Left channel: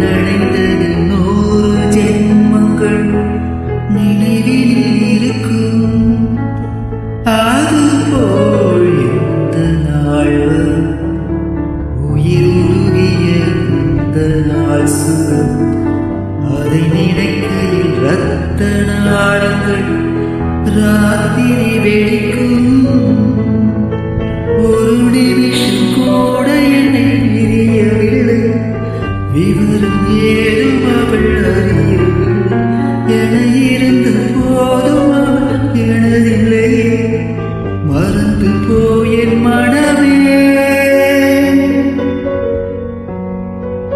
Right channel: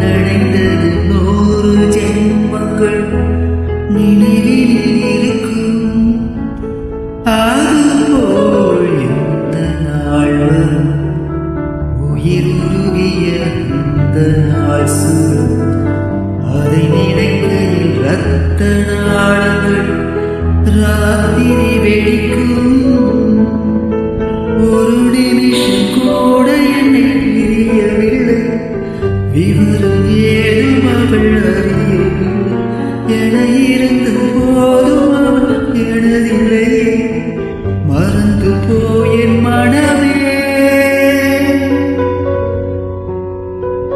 நனைந்தது 100 ஜென்மங்கள் நினைவினில் இருக்கும். அதுபோல் எந்த நாள் வரும் உயிர் உருகிய அந்த நாள் சுகம். அதை நினைக்கையில் இரத்த நாளங்கள் ராத்திரி வெடிக்கும். ஒரு நிமிஷம் கூட என்னை பிரியவில்லை, விவரம் ஏதும் அவள் அறியவில்லை. என இருந்த போதும் அவள் எனதில்லையே, மறந்து போ